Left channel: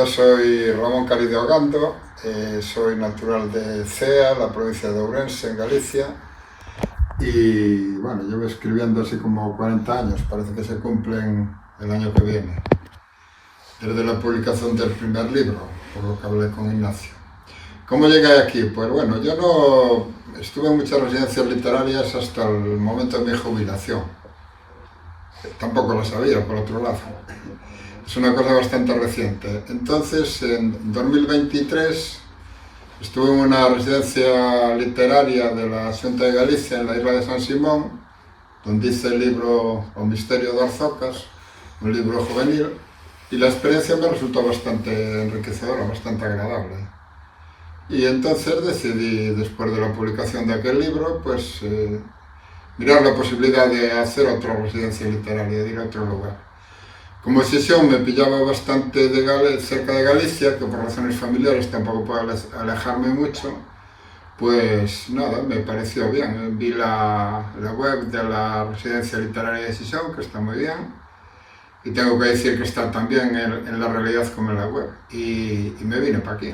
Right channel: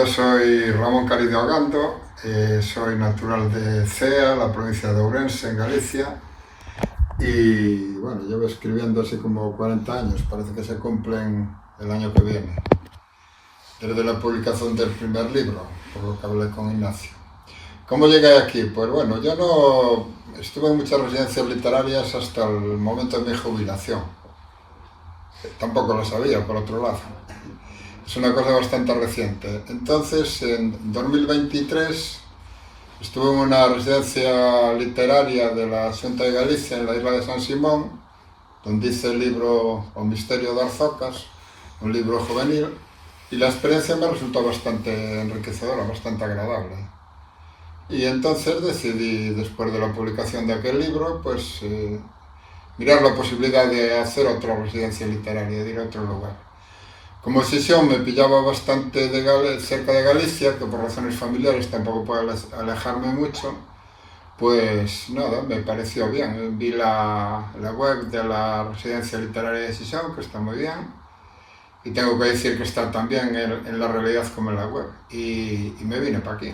Yo soy Ramón Carido Ogando, soy natural de Cea, la provincia de Ourense, en Galicia, y bueno, llevo escribiendo así como 40 años, parece que se cumplen el año que viene, desde la publicación del primer libro, por lo que hablé con Ignacio. ¿Cómo llegué aquí? Pues bueno, yo no estuve en muchas residencias literarias hasta el momento de mi jubilación. Tampoco lo sabía, por otro lado. Es una cosa bastante reciente. Entonces, en 2023 estuve en una residencia literaria de la Xunta de Galicia, en la isla de San Simón, donde hice el libro O misterio de Arzocas, un libro juvenil, y la experiencia me resultó bastante enriquecedora, bastante agradable. Y entonces decidí, después de la publicación de aquel libro, pues mirar la posibilidad de hacer otra residencia literaria, de ir a otro lugar. Como decisión me pillaba bastante cerca de Galicia, que por razones familiares tampoco puedo alejarme mucho, pues nada, me pareció bien. Vi la web de la Residencia Literaria de Xixón, que está muy bien, y tengo que decir que está tan bien en la realidad como en la web, y me vine para aquí.